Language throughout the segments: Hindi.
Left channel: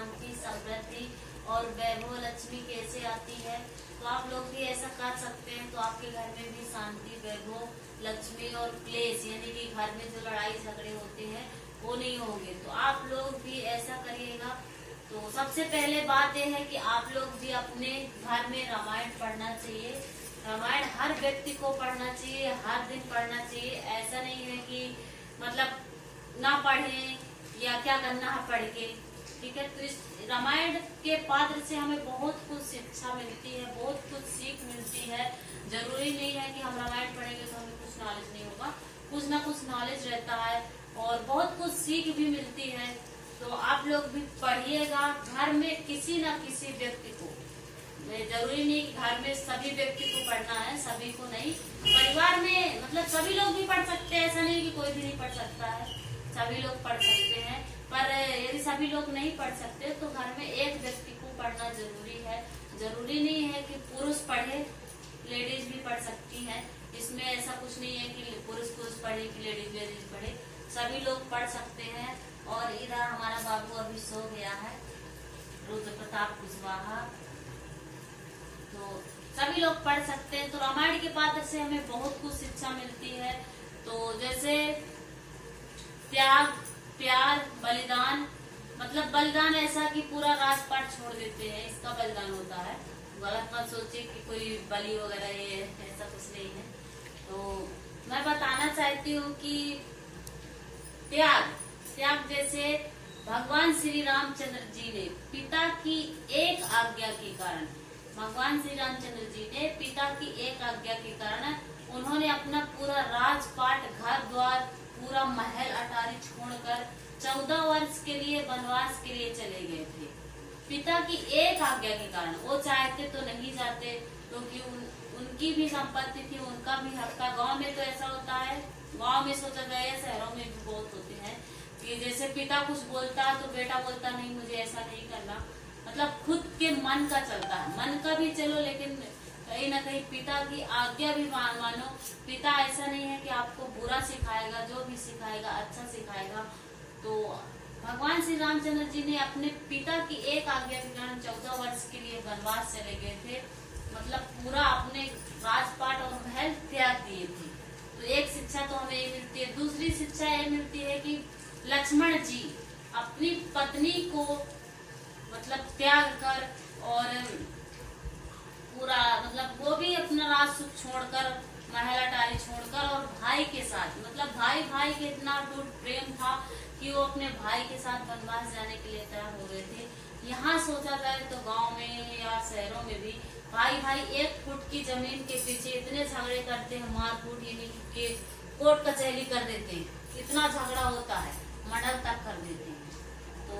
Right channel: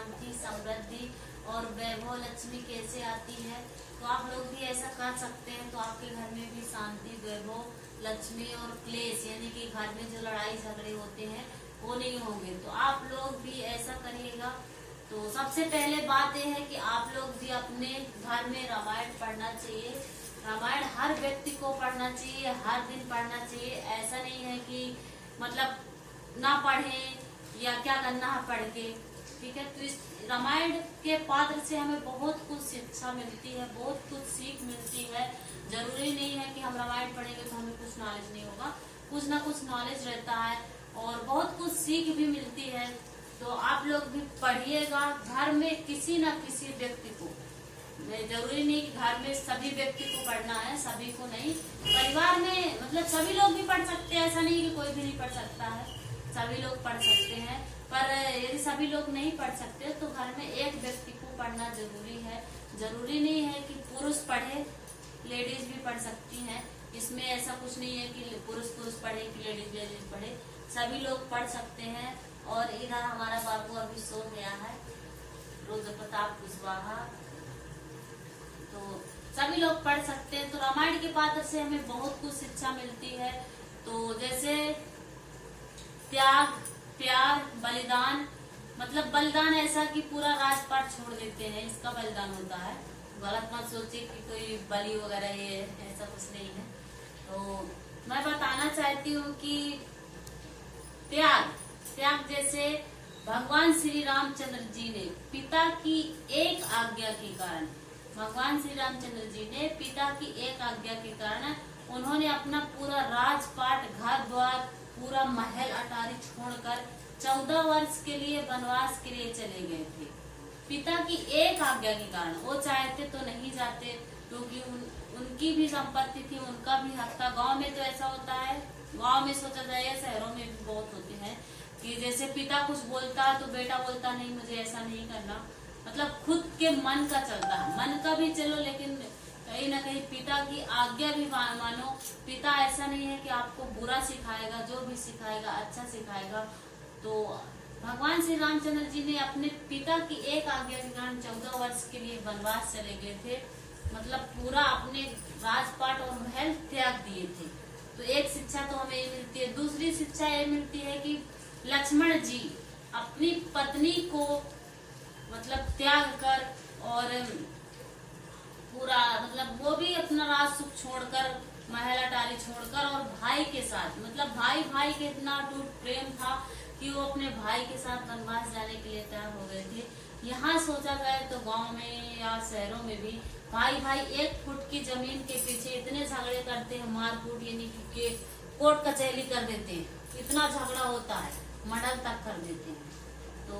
शांति, समृद्धि और वैभव लक्ष्मी कैसे आती है। तो आप लोग भी ऐसा कर सकते हैं, तो आपके घर में भी शांति, वैभव, लक्ष्मी और क्लेश यानी कि घर में जो लड़ाई झगड़े होते हैं वो नहीं होंगे। तो आप लोग भी ऐसा करिएगा। तो सबसे पहले बात यह है कि आप लोग भी अपने घर में रामायण पढ़ना चाहिए। रामायण हर व्यक्ति को पढ़ना चाहिए, हर दिन पढ़ना चाहिए। ऐसा नहीं है कि मतलब ना पढ़ें या क्या करना है पढ़ के, ठीक है। तो इस रामायण के पात्र से हमें बहुत कुछ शिक्षा मिलती है, बहुत कुछ सीख मिलती है। जरूरी नहीं है कि हम रामायण पढ़ेंगे तो हमें कुछ नॉलेज नहीं होगा, कुछ ना कुछ नॉलेज रहता है और बहुत कुछ सीख भी मिलती है। तो आप लोग भी पढ़िएगा। घर में किसी न किसी व्यक्ति को, जरूरी नहीं कि घर में सभी व्यक्ति को पढ़ना है, सभी को नहीं। परिवार में मतलब सभी लोग भी पढ़ सकते हैं, ऐसा नहीं कि कोई भी नहीं पढ़ सकता है, सभी लोग पढ़ सकते हैं। पर यदि सभी लोग नहीं पढ़ सकते तो घर में एक व्यक्ति को पढ़ना जरूरी है। जरूरी नहीं है कि पुरुष पढ़े, लेडीज भी पढ़ सकती हैं। इसमें ऐसा कुछ नहीं है कि पुरुष पढ़े कि लेडीज पढ़े, सभी लोग पढ़ सकते हैं। और इधर हमारा बाबू अभी सो गया है, रुद्र प्रताप कुशवाहा। तो सभी लोग पढ़ सकते हैं। तो रामायण के पात्र से हमें बहुत कुछ शिक्षा मिलती है। तो जैसे त्याग, प्यार, बलिदान, मतलब बलिदान ऐसा कि पूरा राजपाट छोड़ देते हैं, इसका बलिदान होता है। गलत मत सोचिए कि कोई बलि वगैरह ये ऐसा कुछ नहीं है। तो मैं बताना चाहती हूँ कि त्याग जैसे भगवान श्री रामचंद्र जी ने पिता की एक आज्ञा के कारण, भगवान श्री रामचंद्र जी ने पिता की एक आज्ञा के कारण उन्होंने अपना पूरा राजपाट, घर द्वार, पूरा महल अटारी छोड़कर 14 वर्ष के लिए वनवास के लिए चले गए थे। पिता की एक आज्ञा के कारण, वो चाहते तो नहीं जाते क्योंकि उनकी भी संपत्ति थी, उनका भी हक था। गाँव में तो ऐसा होता है, गाँव में सोचा जाए, शहरों में भी बहुत होते हैं कि जैसे पिता कुछ बोलता है तो बेटा बोलता नहीं, मुझे ऐसा नहीं करना। मतलब खुद के मन का चलता है, मन का भी चलो लेकिन कहीं ना कहीं पिता की आज्ञा भी मानो। पिता ऐसा नहीं है कि आपको बुरा सिखाएगा, जो भी सिखाएगा अच्छा सिखाएगा। तो भगवान श्री रामचंद्र जी ने अपने पिता की एक आज्ञा के कारण 14 वर्ष के लिए वनवास चले गए थे, मतलब पूरा अपने राजपाट और महल त्याग दिए थे। तो एक शिक्षा तो हमें ये मिलती है। दूसरी शिक्षा ये मिलती है कि लक्ष्मण जी अपनी पत्नी को मतलब त्याग कर और पूरा मतलब वो भी अपना राज सुख छोड़कर, महल अटारी छोड़कर और भाई के साथ, मतलब भाई के इतना अटूट प्रेम था कि वो अपने भाई के साथ वनवास जाने के लिए तैयार हो गए थे। यहाँ सोचा जाए तो गांव में या शहरों में भी भाई 1 फुट की जमीन के पीछे इतने झगड़े करते हैं, मारकूट यानी कि कोर्ट कचहरी कर देते हैं, इतना झगड़ा होता है, मर्डर तक कर देते हैं। तो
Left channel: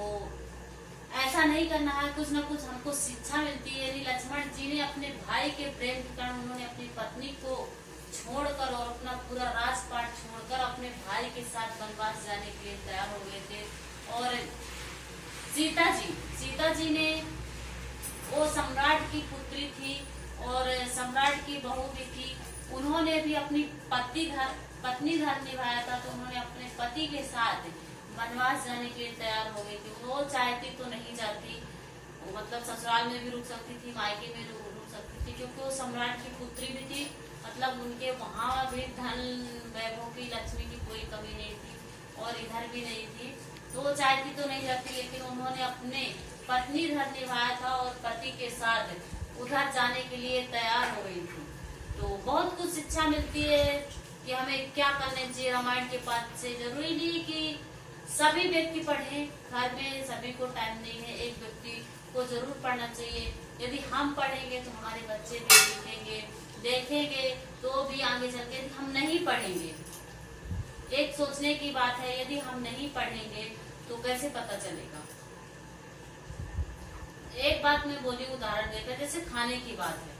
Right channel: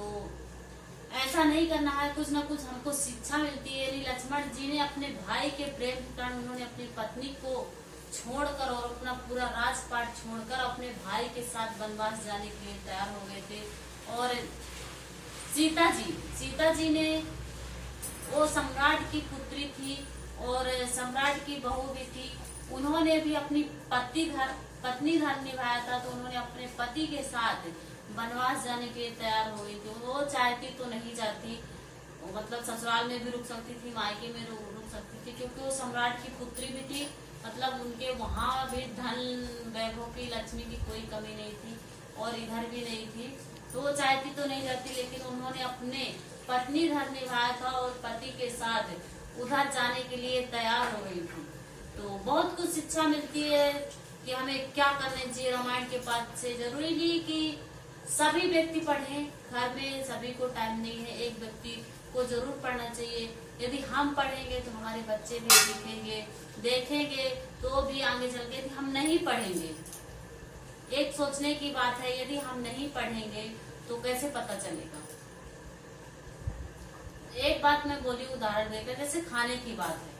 ऐसा नहीं करना है, कुछ न कुछ हमको शिक्षा मिलती है। यानी लक्ष्मण जी ने अपने भाई के प्रेम के कारण उन्होंने अपनी पत्नी को छोड़कर और अपना पूरा राजपाट छोड़कर अपने भाई के साथ वनवास जाने के लिए तैयार हो गए थे। और सीता जी ने, वो सम्राट की पुत्री थी और सम्राट की बहू भी थी, उन्होंने भी अपनी पत्नी धर्म निभाया था। तो उन्होंने अपने पति के साथ वनवास जाने के लिए तैयार हो गई थी। वो चाहती तो नहीं जाती, मतलब ससुराल में भी रुक सकती थी, मायके में रुक सकती थी, क्योंकि वो सम्राट की पुत्री भी थी। मतलब उनके वहां भी धन, वैभव की, लक्ष्मी की कोई कमी नहीं थी और इधर भी नहीं थी। तो वो चाहती तो नहीं जाती, लेकिन उन्होंने अपने पत्नी धर्म निभाया था और पति के साथ उधर जाने के लिए तैयार हो गई थी। तो बहुत कुछ शिक्षा मिलती है कि हमें क्या करना चाहिए रामायण के पाठ से। जरूरी नहीं कि सभी व्यक्ति पढ़ें, घर में सभी को टाइम नहीं है, एक व्यक्ति को जरूर पढ़ना चाहिए। यदि हम पढ़ेंगे तो हमारे बच्चे भी सीखेंगे, देखेंगे, तो भी आगे चल के हम नहीं पढ़ेंगे। एक सोचने की बात है, यदि हम नहीं पढ़ेंगे तो कैसे पता चलेगा। एक बात मैं बोली उदाहरण देकर, जैसे खाने की बात है,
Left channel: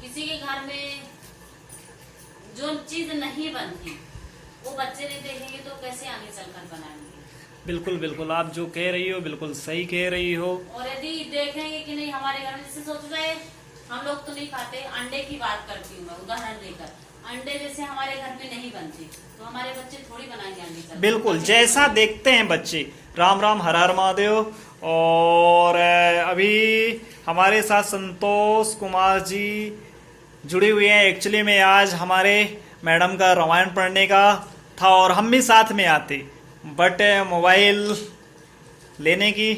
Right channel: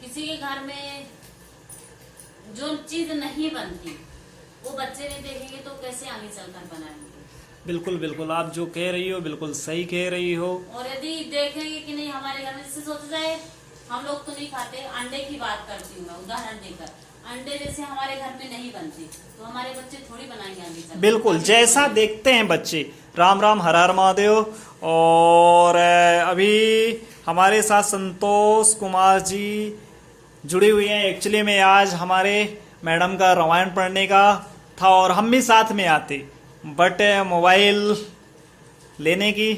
किसी के घर में जो चीज नहीं बनती वो बच्चे नहीं देखेंगे तो कैसे आगे चलकर बनाएंगे। बिल्कुल आप जो कह रही हो बिल्कुल सही कह रही हो। और यदि देखेंगे कि नहीं हमारे घर में, जैसे सोचा जाए हम लोग तो नहीं खाते, अंडे की बात करती हूँ मैं उदाहरण देकर, अंडे जैसे हमारे घर में नहीं बनते तो हमारे बच्चे थोड़ी बनाएंगे आगे चलकर। बिल्कुल जैसा देखते हैं बच्चे राम राम, हर हर महादेव। और अभी हमारे साथ संतोष कुमार जी जुड़े हुए हैं। एक्चुअली में आज हमारे मैडम का रामायण पढ़ने का था और हम भी साथ में आते, बट मोबाइल लेने की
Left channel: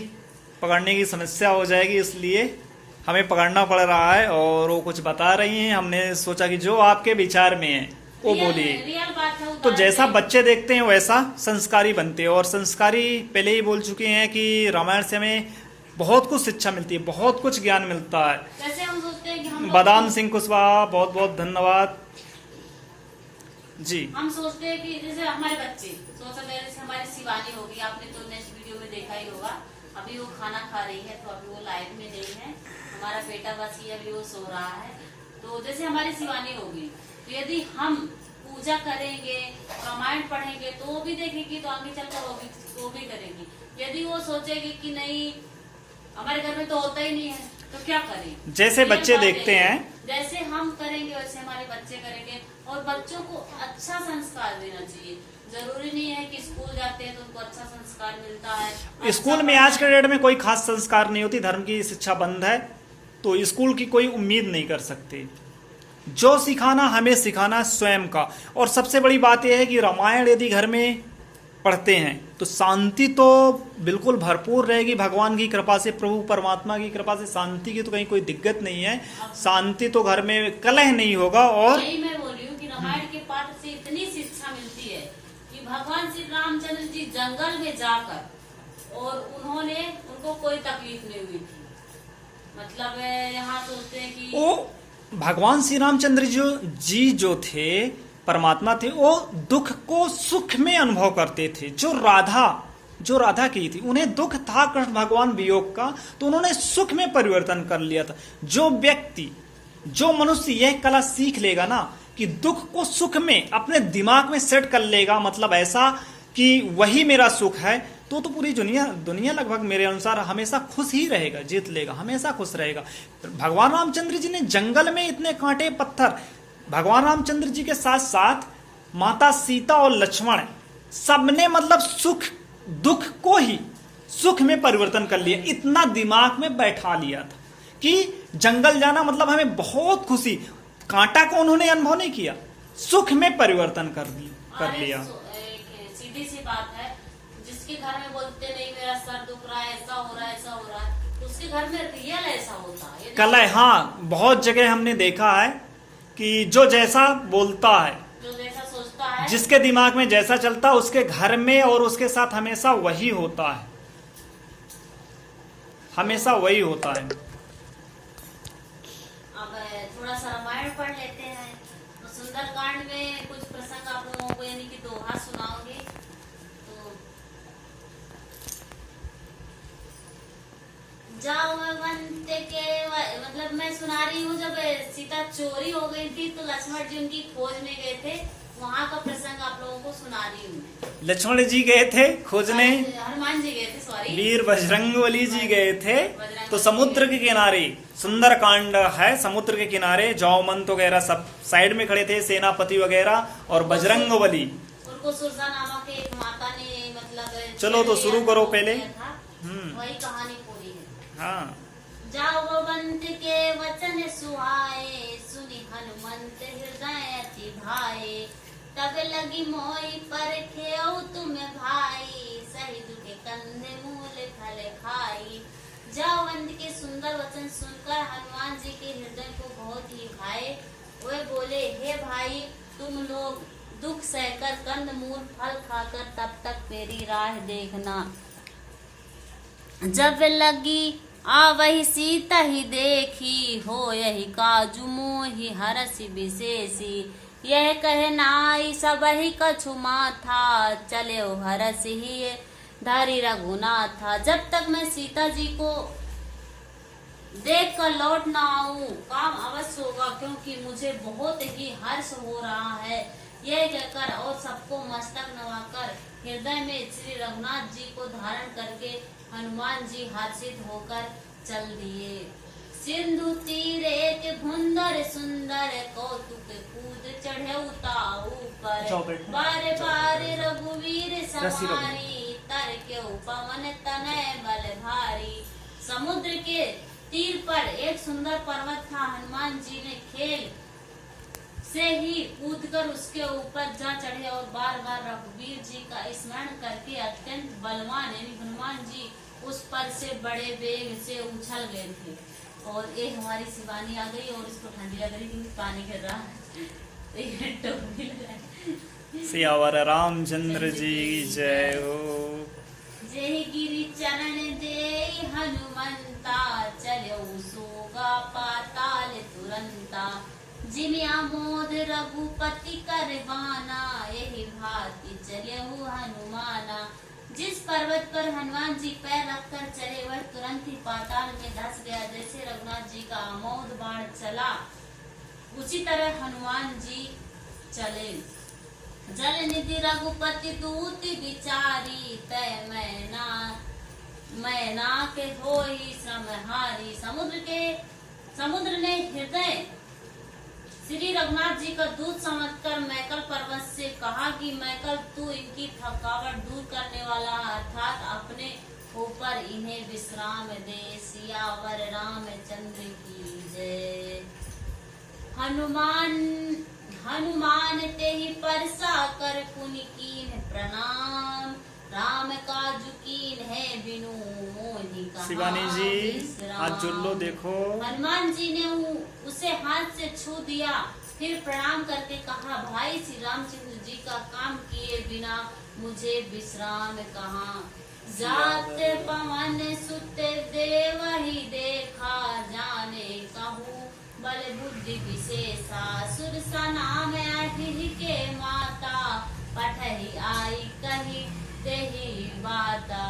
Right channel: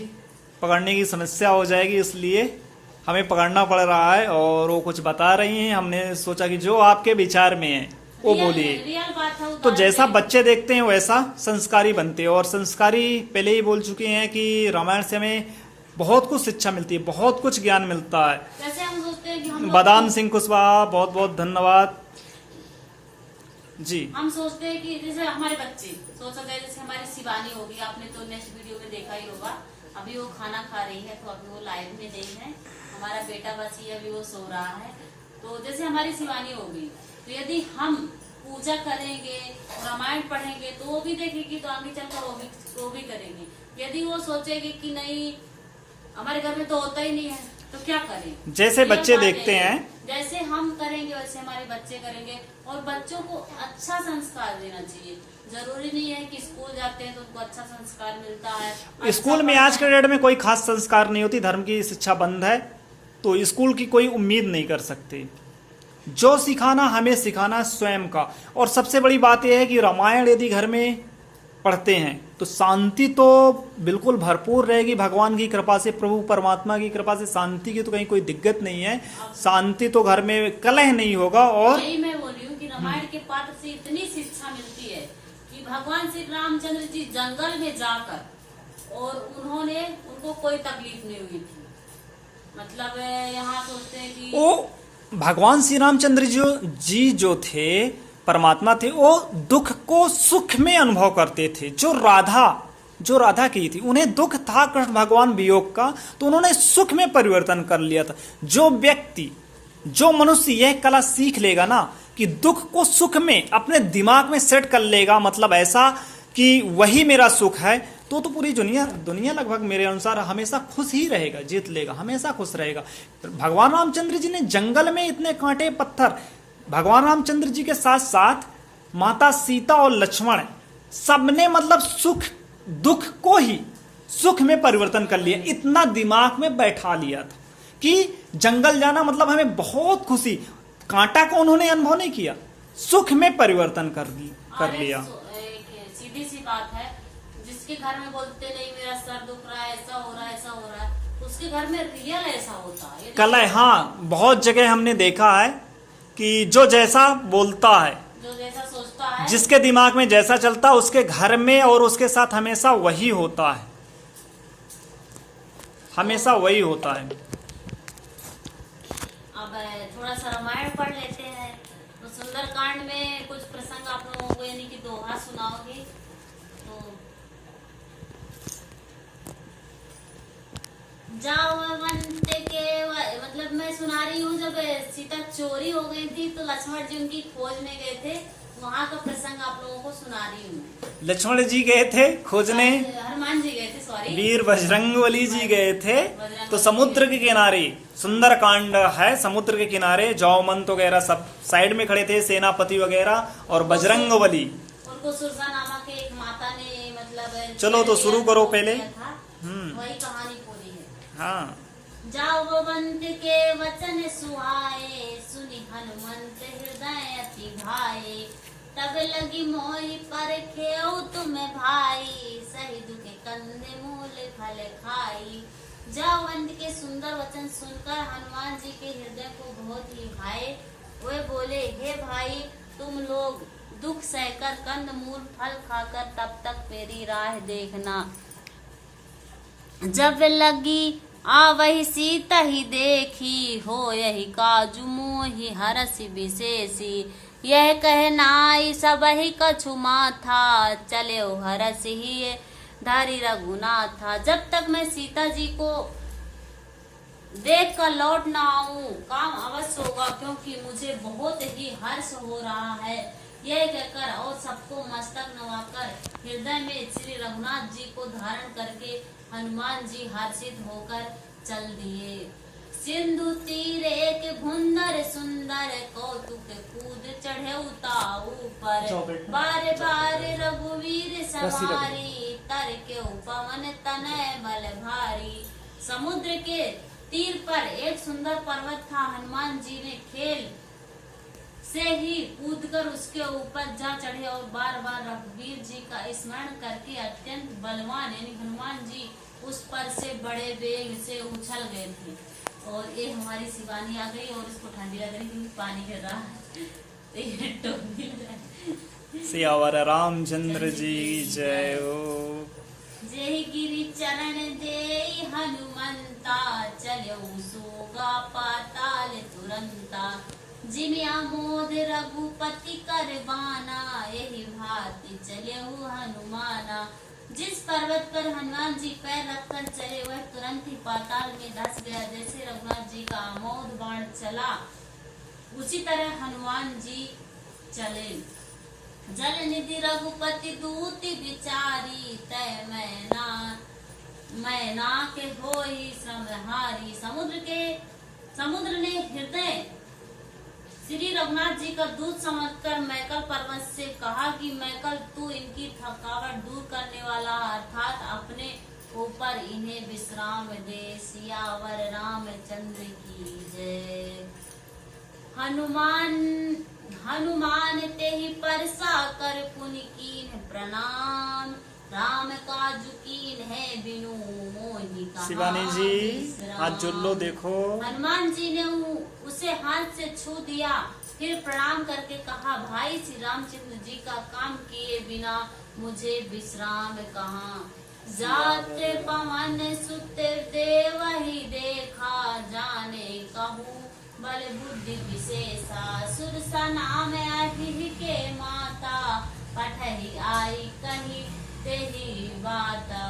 पकड़ने की समस्या हो जाएगी, इसलिए हमें पकड़ना पड़ रहा है। और वो कुछ बता रही हैं, हमने सोचा कि जो आपके विचार में है वो बोलिए। रियल बात है। तो जैसा बच्चे देखते हैं वैसा संस्कारी बनते हैं, और संस्कारी पहले ही बोल चुके हैं कि रामायण से हमें बहुत कुछ शिक्षा मिलती है, बहुत कुछ ज्ञान मिलता है। वैसे हम सोचते हैं कि हम बादाम सिंह कुशवाहा, बहुत बहुत धन्यवाद जी। हम सोचते हैं कि जैसे हमारे बच्चे सोच सकते हैं, जैसे हमारी शिवानी होगी, आपने तो नेक्स्ट वीडियो में देखा ही होगा, अभी वो खाना खा रही है, तो अभी वो लाइव में नहीं है। हमारा बेटा बस ही अभी वो सो रहा है। तो जैसे हमारी शिवानी होगी, तो यदि हम पूजा करेंगे, रामायण पढ़ेंगे, तो वो भी देखेगी, तो आगे चलकर वो भी करेगी। यदि वो सोचेगी कि नहीं हमारे घर में तो होता ही नहीं है, तो क्या करें। जैसे बच्चे देखते हैं, जैसे हम करेंगे वैसे हमारे बच्चे करेंगे। और बच्चों को अच्छा संस्कार देना चाहिए। जरूरी नहीं है कि स्कूल जाते हैं तो उनको अच्छा संस्कार मिलता है। स्कूल में आज के डेट में कोई खास संस्कार नहीं होती, धर्म की शिक्षा बंद है, तो स्कूल की कोई उम्मीद नहीं कर सकते। जो सिखाना हमें सिखाना स्वयं का। और सबसे बड़ी बात यह है कि रामायण यदि घर में पढ़ते हैं तो शांति तो बिल्कुल भरपूर रहेगी। भगवान की कृपा से, प्रभु परमात्मा की कृपा से शांति की तो कहीं कोई दिक्कत नहीं है। शांति तो घर में, कलह नहीं होगा। और यही मैं बोल रही हूँ कि रामायण के पाठ से इतनी शिक्षा मिलती है कि भगवान श्री रामचंद्र जी जंगल में जाकर, और उनको कोई तकलीफ नहीं हुई थी। मतलब यहाँ सोचते हैं कि वो भगवान श्री रामचंद्र जी जो थे, परमात्मा थे, वो दुख को सुख में अनुभव करते थे। जो राधा की थी, उन्हें दुख था कृष्ण भगवान वियोग का, तो उन्होंने सुख में परिवर्तन कर लिया था। जो मनुष्य यह कला सीख लेगा ना कि दुख को सुख में अपने दिमाग में सेट कर लेगा, मतलब ऐसा कि वही मेरा सुख है, तो पूरी दुनिया लगभग मेरे अनुसार हमेशा खुश ही रहेगा, जीत लेगा, हमेशा खुश रहेगा। भगवान रामचंद्र जी ने जंगल में इतने कांटे पत्थर, भगवान रामचंद्र जी के साथ साथ माता सीता और लक्ष्मण, सबने मतलब दुख को ही सुख में परिवर्तन कर लिया। इतना दिमाग में बैठा लिया था कि जंगल जाना मतलब हमें बहुत खुशी। कांटा को उन्होंने अनुभव नहीं किया, सुख में परिवर्तन कर लिया। सीधी सी बात है, जिसके घर में बोलते नहीं मेरा सर दुख रहा है, ऐसा हो रहा है, ऐसा हो रहा है, उसके घर में रियल ऐसा होता है। कलह, हाँ, बहुत जगह हमने देखा है कि जो जैसा बोलता है, जो जैसा सोचता है, जिसके दिमाग में जैसा चलता है, उसके घर में और उसके साथ हमेशा वही होता है, हमेशा वही होता है। अब थोड़ा सा रामायण पढ़ लेते हैं। तो सुंदरकांड में कुछ प्रसंग आप लोगों को यानी कि दोहा सुनाओगे। तो जाओ वंत के, मतलब मैं सुना रही हूँ, जब सीता चोरी हो गई थी तो लक्ष्मण जी उनकी खोज में गए थे, वहाँ का प्रसंग आप लोगों को सुना रही हूँ। लक्ष्मण जी गए थे खोजने, हनुमान जी गए थे, सॉरी, वीर बजरंगबली जी गए थे। तो समुद्र के किनारे सुंदर कांड है, समुद्र के किनारे जौमंत वगैरह सब साइड में खड़े थे, सेनापति वगैरह, और बजरंगबली, उनको सुरसा नामक एक माता ने मतलब। चलो तो शुरू करो पहले। वही कहानी बोली है। हाँ। जाओ बंत के वचन सुहाए, सुनी हनुमंत हृदय अति भाए, तब लगी मोई पर खेऊ तुम भाई, सही दुखे कंधे मूल फल खाई। जावंत के सुंदर वचन सुनकर हनुमान जी के हृदय को बहुत ही भाए। वे बोले, हे भाई, तुम लोग दुख सहकर कंद मूल फल खाकर तब तक मेरी राह देखना। जब लगी आ वही सीता ही देखी, हो यही काजू मोहि हरस विशेषी। यह कहनाई सब ही कछु माथा, चले ओ हरस ही धारी रघुनाथा। जब तक मैं सीता जी को देख कर लौट ना आऊं, काम अवश्य होगा, क्योंकि मुझे बहुत ही हर्ष हो रहा है। यह कहकर और सबको मस्तक नवाकर हृदय में श्री रघुनाथ जी को धारण करके हनुमान जी हर्षित होकर चल दिए। सिंधु तीरे के भुंदर सुंदर कौतुक कूद चढ़े उताऊ पर बार बार रघुवीर सवारी तर के पवन तनय बल भारी। समुद्र के तीर पर एक सुंदर पर्वत था। हनुमान जी ने खेल से ही कूदकर उसके ऊपर जा चढ़े और बार बार रघुवीर जी का स्मरण करके अत्यंत बलवान यानी हनुमान जी उस पर से बड़े वेग से उछल गए थे। और ये हमारी शिवानी आ गई और उसको ठंडी लग रही क्योंकि पानी गिर रहा है तो ये टोपी लगाई। सियावर रामचंद्र जी जय हो। जय गिरि चरण जय हनुमंता चलो सोगा पाताल तुरंता। जिन आमोद रघुपति करवाना यही भांति चले हनुमाना। जिस पर्वत पर हनुमान जी पैर रखकर चले वह तुरंत ही पाताल में धंस गया। जैसे रघुनाथ जी का आमोद बाण चला उसी तरह हनुमान जी चले। जल निधि रघुपति दूति विचारी तय मैना के होई श्रमहारी। समुद्र ने हृदय श्री रघुनाथ जी का दूत समझकर मैकल पर्वत से कहा कि मैकल तू इनकी थकावट दूर करने वाला अर्थात अपने ऊपर इन्हें विश्राम दे। सियावर रामचंद्र की जय। हनुमान ते ही परसा कर पुनि कीन प्रणाम। राम काजु कीन है बिनु मोहि कहा शिवानी जी हाथ जोड़ लो देखो। हनुमान जी ने उसे हाथ से छू दिया फिर प्रणाम करके कहा भाई श्री रामचंद्र जी का काम किए बिना मुझे विश्राम कहाँ। जाते पवन सुत देव ही देखा जाने कहूँ बल बुद्धि विशेषा। सुरसा नाम अहि के माता पठही आई कही तेही बाता।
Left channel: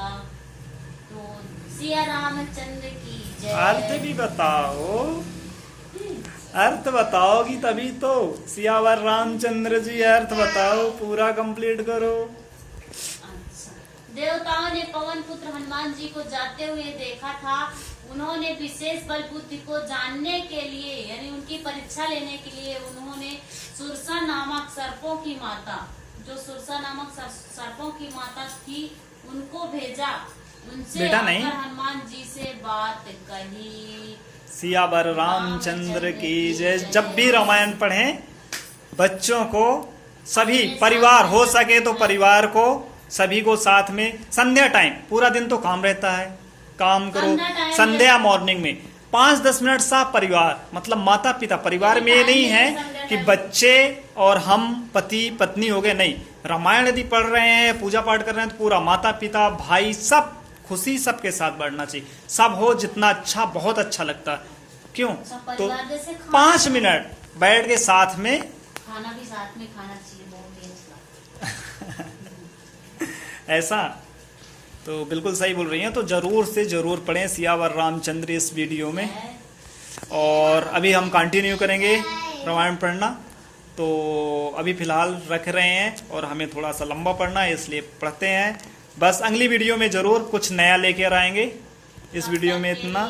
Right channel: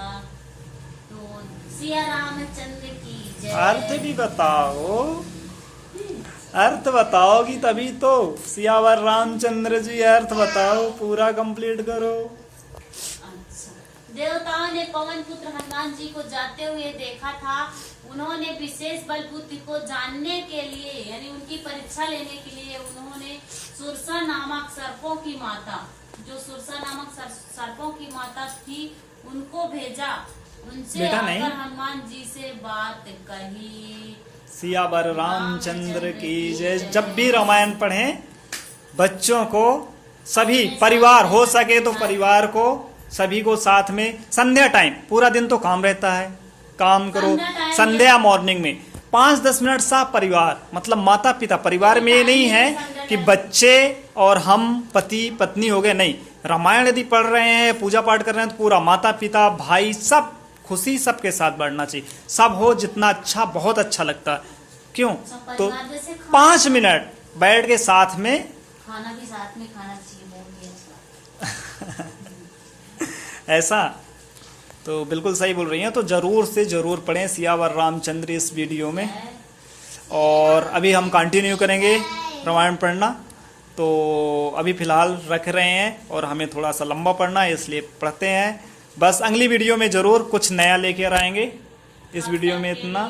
तो सिया रामचंद्र की जय। अर्थ भी बताओ, अर्थ बताओगी तभी तो। सियावर रामचंद्र जी अर्थ बताओ, पूरा कंप्लीट करो। अच्छा, देवताओं ने पवन पुत्र हनुमान जी को जाते हुए देखा था। उन्होंने विशेष बल बुद्धि को जानने के लिए यानी उनकी परीक्षा लेने के लिए उन्होंने सुरसा नामक सर्पों की माता जो सुरसा नामक सर्पों की माता थी उनको भेजा। उनसे आकर हनुमान जी से बात कही। सियावर रामचंद्र की जय। जब भी रामायण पढ़ें बच्चों को सभी परिवार हो सके तो परिवार को सभी को साथ में संध्या टाइम पूरा दिन तो काम रहता है काम करो। संध्या मॉर्निंग में 5-10 मिनट सा परिवार मतलब माता पिता परिवार में ये नहीं है कि बच्चे और हम पति पत्नी हो गए। नहीं, रामायण यदि पढ़ रहे हैं पूजा पाठ कर रहे हैं तो पूरा माता पिता भाई सब खुशी सबके साथ बढ़ना चाहिए। सब हो जितना अच्छा बहुत अच्छा लगता है। क्यों तो 5 मिनट बैठ के साथ में खाना भी साथ में खाना चाहिए बहुत ही अच्छा। ऐसा तो बिल्कुल सही बोल रही हैं। तो जरूर से जरूर पढ़ें सियावर रामचंद्र इस वीडियो में। और अभी हम कंटिन्यू करेंगे रामायण पढ़ना। तो अभी फिलहाल रख रहे हैं और हमें थोड़ा सा लंबा पढ़ना है इसलिए पढ़ते हैं। बस अगली वीडियो में जरूर कुछ नया लेकर आएंगे। इस वीडियो में इतना।